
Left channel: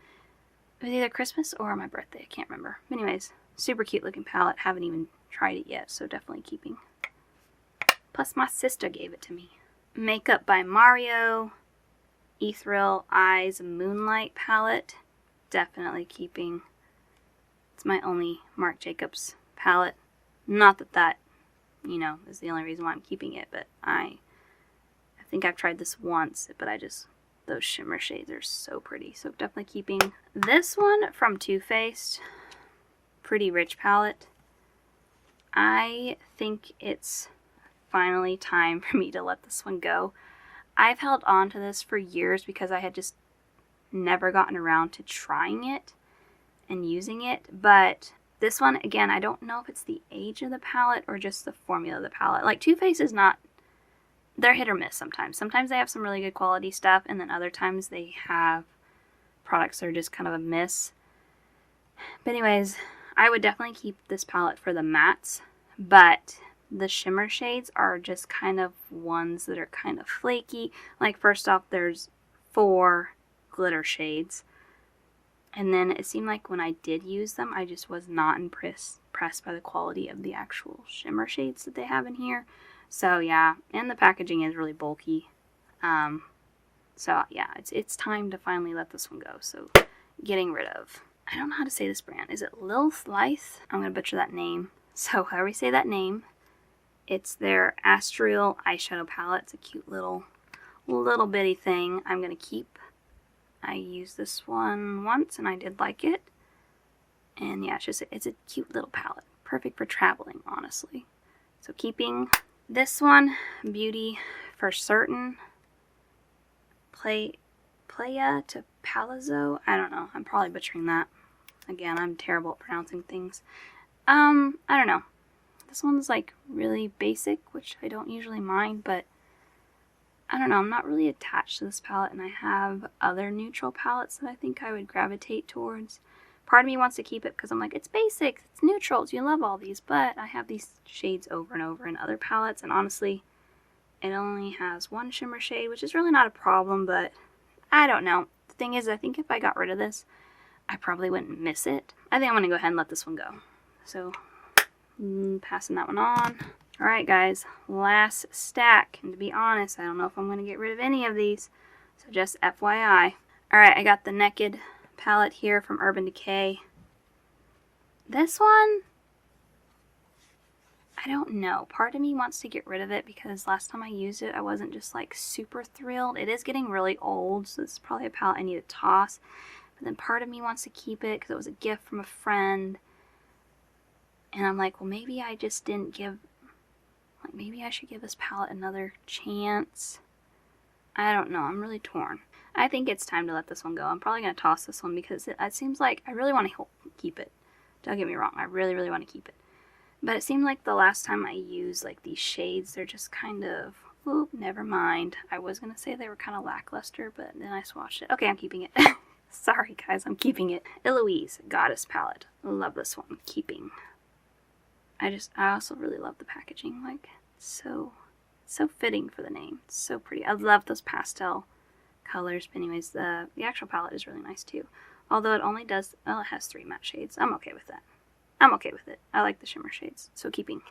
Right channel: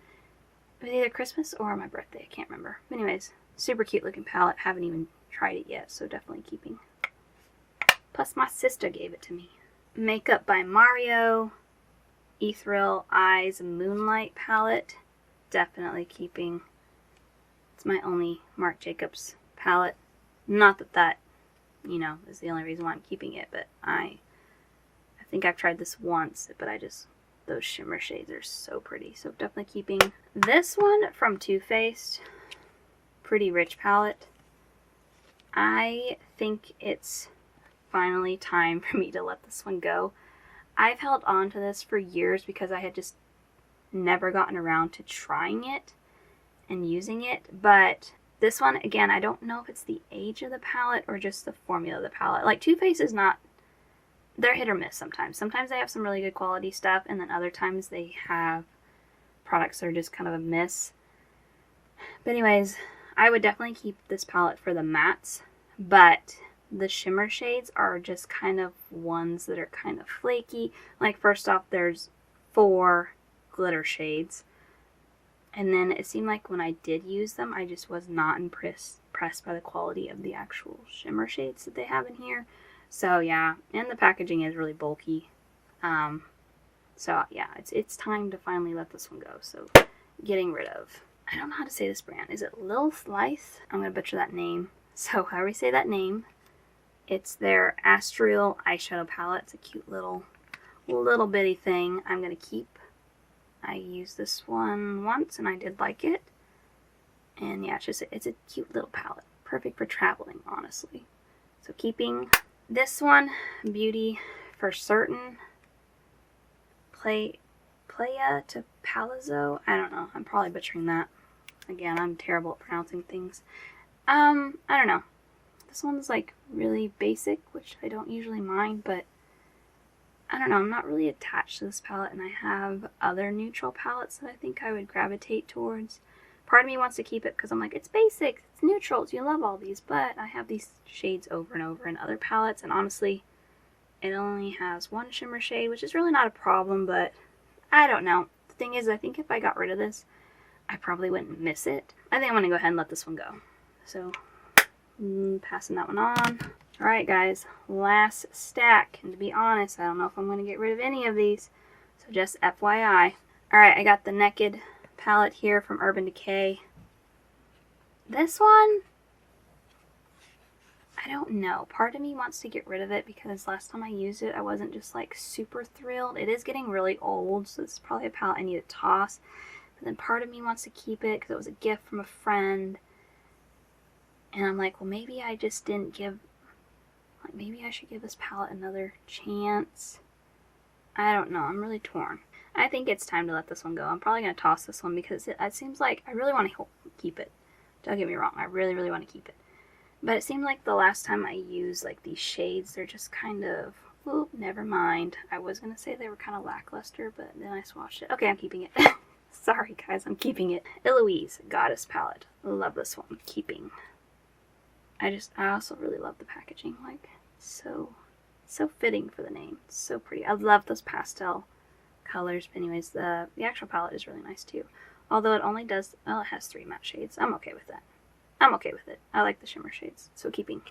It was either Christmas or my birthday, I can't remember. Anyways, super cute looking palette. Haven't even tried it yet, so definitely keeping. Plus my sister gave it to me. Makeup by Mario. Ethereal Eyes Moonlight palette. Definitely keeping. It's my only Marc Jacobs palette. Not that you know, is the only reason why I'm keeping it, but I think I've tried this once, but those shimmer shades are so pretty, so definitely keeping. This one from Too Faced, Pretty Rich palette. I think it's finally time for me to let this one go. I've held on to this for years because I had just never gotten around to trying it and using it. But this one, again, I don't know if it's the age of the palette or just the formula of the palette. Like Too Faced is not, they're hit or miss sometimes. Sometimes they have some really good quality stuff, and then other times they have products that are just kind of a miss. But anyways, I would definitely keep this palette for the mattes, but the shimmer shades are just kind of ones that are kind of flaky. Like first off, there's 4 glitter shades, and then it seemed like when I did use them, I just was not impressed by the quality of the actual shimmer shades that they have in here. So yeah, and the packaging is really bulky. So yeah, it's time to finally let this one go. So getting rid of. I don't know how to say this brand. Is it Lilith Life? I'm gonna butcher that name. So however you say that name, it's their Astral eyeshadow palette. It's a cute little bitty thing. I'm gonna keep. I used this one once and I did like it. And yeah, it's a cute little palette. Perfect for traveling, honestly. So keeping this one, Beauty for Certain. Playa to Palazzo. I don't know. I'm probably butchering that. Again, I'm terrible at pronouncing things. I don't know. This one's like really basic, which I don't usually mind, but I don't know. I'm not really attached to this palette, and I have other neutral palettes that I think I would gravitate towards. Part of me wants to keep it because I'm like, it's basic, it's neutrals, you love all these, but I have these shades over and over in other palettes, and honestly, it only has 1 shimmer shade, which is really not a problem, but I don't know. The thing is, I think if I got rid of this, I probably wouldn't miss it. I think I'm going to go ahead and let this one go. So, passing that one on. Alright guys, last stack. And to be honest, I don't know if I'm going to get rid of any of these. So just FYI. Alright, I got the Naked palette here from Urban Decay. This one, I don't know. Part of me wants to get rid of it because last time I used it, I wasn't just like super thrilled. It is getting really old, so this is probably a palette I need to toss. But then part of me wants to keep it because it was a gift from a friend. And I'm like, well, maybe I just didn't give, like, maybe I should give this palette another chance. I don't know. I'm really torn. I think it's time to let this one go. I'm probably going to toss this one because it seems like I really want to keep it. Don't get me wrong. I really, really want to keep it. But it seemed like the last time I used like these shades, they're just kind of, whoop, never mind. I was going to say they were kind of lackluster, but then I swatched it. Okay, I'm keeping it. Sorry guys, I'm keeping it. Eloise Goddess palette. Love this one. Keeping. I also really love the packaging. Like, so fitting for the name. It's so pretty. I love those pastel colors. But anyways, the actual palette is really nice too. Although it only does, well, it has 3 matte shades. I'm okay with that. I'm okay with it. I like the shimmer shades. So keeping.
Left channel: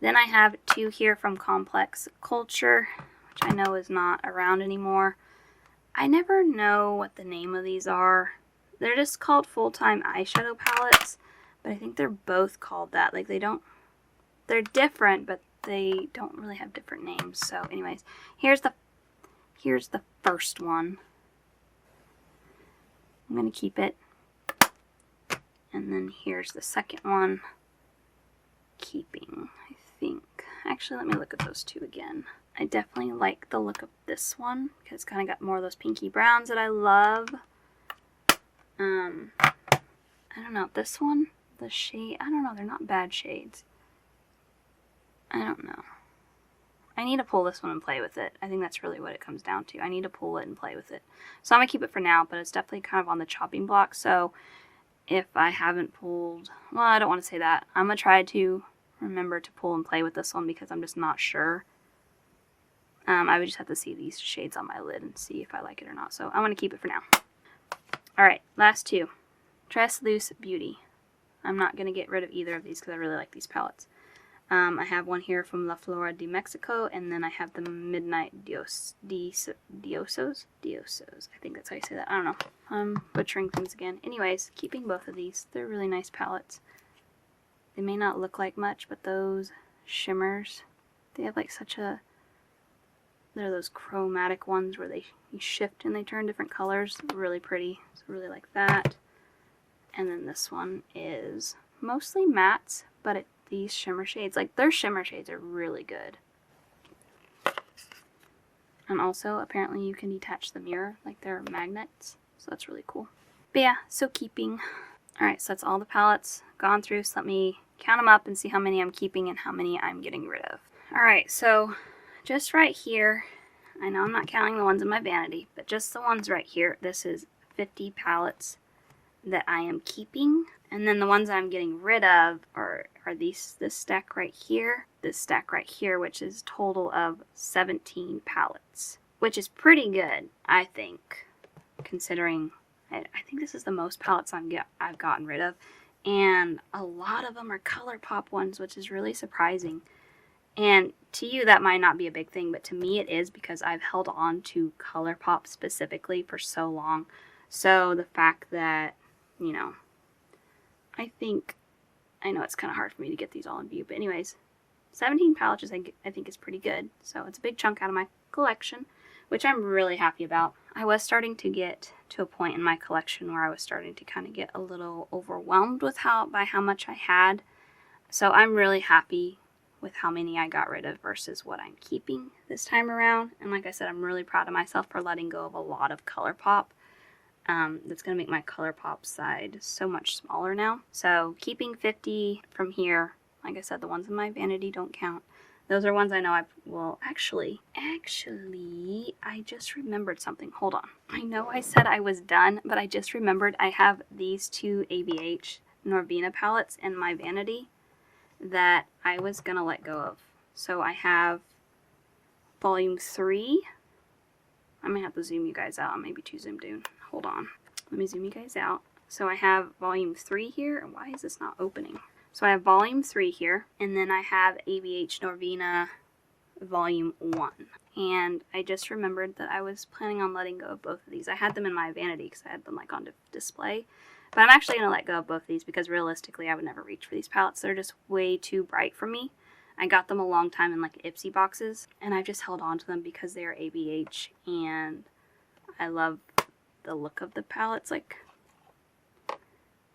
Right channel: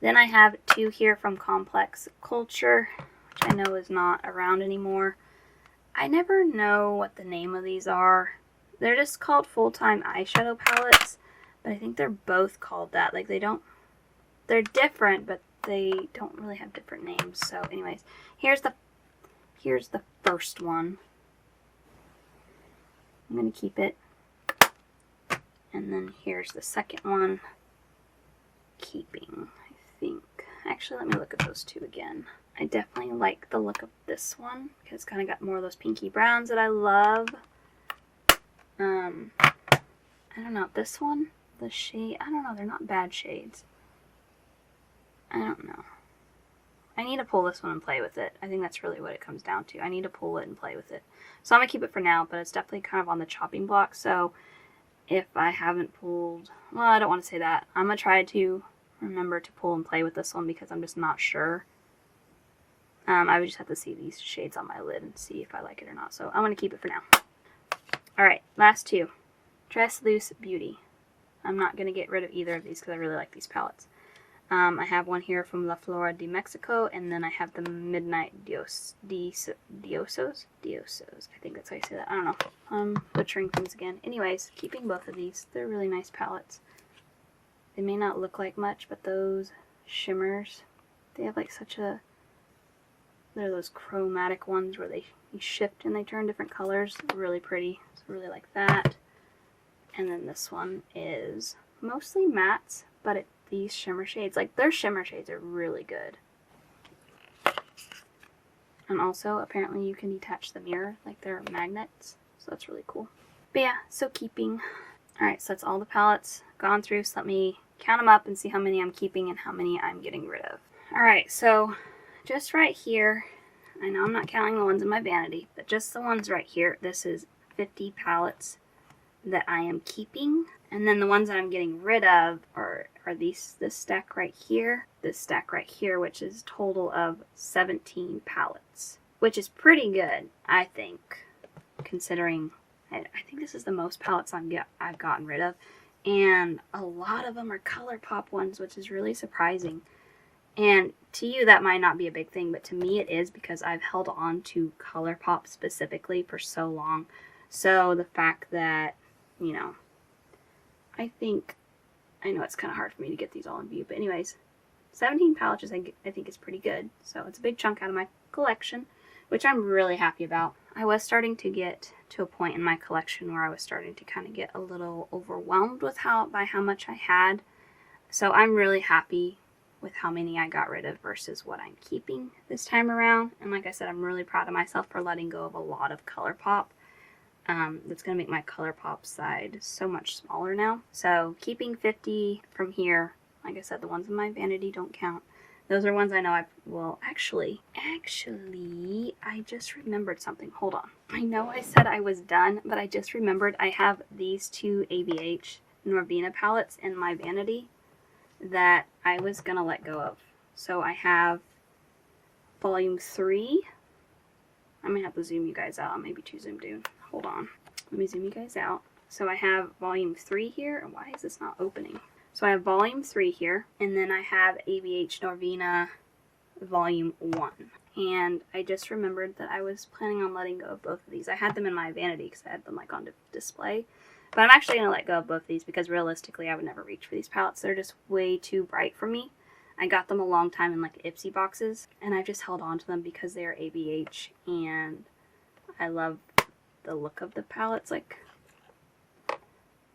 Then I have 2 here from Complex Culture, which I know is not around anymore. I never know what the name of these are. They're just called full-time eyeshadow palettes, but I think they're both called that. Like they're different, but they don't really have different names. So anyways, here's the first one. I'm going to keep it. And then here's the second one. Keeping, I think. Actually, let me look at those 2 again. I definitely like the look of this one because it's kind of got more of those pinky browns that I love. I don't know. This one, the shade, I don't know. They're not bad shades. I don't know. I need to pull this one and play with it. I think that's really what it comes down to. I need to pull it and play with it. So I'm going to keep it for now, but it's definitely kind of on the chopping block. So if I haven't pulled, well, I don't want to say that. I'm going to try to remember to pull and play with this one because I'm just not sure. I would just have to see these shades on my lid and see if I like it or not. So I'm going to keep it for now. Alright, last 2. Tres Loose Beauty. I'm not going to get rid of either of these because I really like these palettes. I have one here from La Flora de Mexico, and then I have the Midnight Diosos. I think that's how you say that. I don't know. I'm butchering things again. Anyways, keeping both of these. They're really nice palettes. They may not look like much, but those shimmers, they have like such a, they're those chromatic ones where you shift and they turn different colors. Really pretty. So I really like that. And then this one is mostly mattes, but these shimmer shades, like their shimmer shades are really good. And also, apparently you can detach the mirror, like they're magnets. So that's really cool. But yeah, so keeping. Alright, so that's all the palettes gone through. So let me count them up and see how many I'm keeping and how many I'm getting rid of. Alright, so just right here, I know I'm not counting the ones in my vanity, but just the ones right here, this is 50 palettes that I am keeping. And then the ones that I'm getting rid of are this stack right here, this stack right here, which is a total of 17 palettes, which is pretty good, I think, considering I think this is the most palettes I've gotten rid of. And a lot of them are ColourPop ones, which is really surprising. And to you, that might not be a big thing, but to me it is, because I've held on to ColourPop specifically for so long. So the fact that, you know, I know it's kind of hard for me to get these all in view, but anyways, 17 palettes I think is pretty good. So it's a big chunk out of my collection, which I'm really happy about. I was starting to get to a point in my collection where I was starting to kind of get a little overwhelmed with how much I had. So I'm really happy with how many I got rid of versus what I'm keeping this time around. And like I said, I'm really proud of myself for letting go of a lot of ColourPop. That's going to make my ColourPop side so much smaller now. So keeping 50 from here, like I said, the ones in my vanity don't count. Those are ones I know actually, I just remembered something. Hold on. I know I said I was done, but I just remembered I have these two ABH Norvina palettes in my vanity that I was going to let go of. So I have volume 3. I might have to zoom you guys out. I'm maybe too zoomed in. Hold on. Let me zoom you guys out. So I have volume 3 here. And why is this not opening? So I have volume 3 here. And then I have ABH Norvina volume 1. And I just remembered that I was planning on letting go of both of these. I had them in my vanity because I had them like on display. But I'm actually going to let go of both of these because realistically I would never reach for these palettes. They're just way too bright for me. I got them a long time in like Ipsy boxes. And I've just held on to them because they are ABH. And I love the look of the palettes, like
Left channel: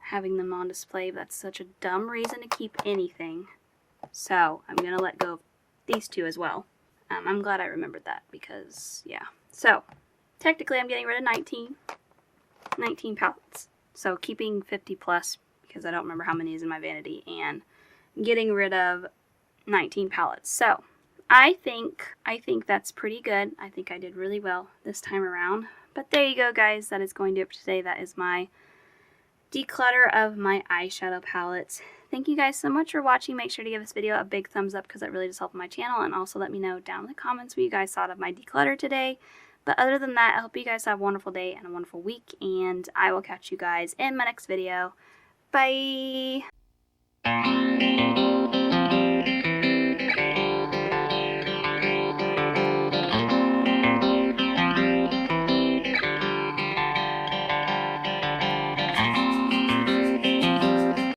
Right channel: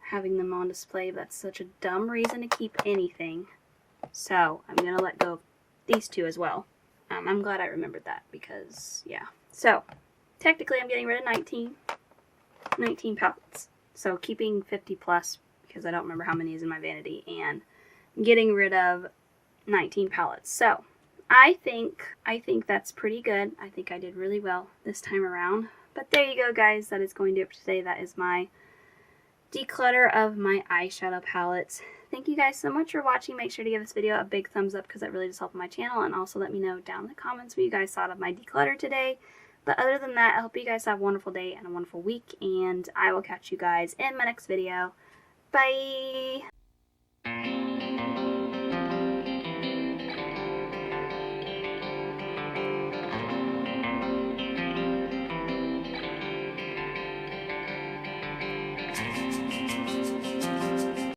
having them on display. That's such a dumb reason to keep anything. So I'm going to let go of these two as well. I'm glad I remembered that because, yeah. So technically I'm getting rid of 19 palettes. So keeping 50 plus because I don't remember how many is in my vanity, and getting rid of 19 palettes. So I think that's pretty good. I think I did really well this time around. But there you go, guys. That is going to do it for today. That is my declutter of my eyeshadow palettes. Thank you guys so much for watching. Make sure to give this video a big thumbs up because that really does help my channel. And also let me know down in the comments what you guys thought of my declutter today. But other than that, I hope you guys have a wonderful day and a wonderful week. And I will catch you guys in my next video. Bye!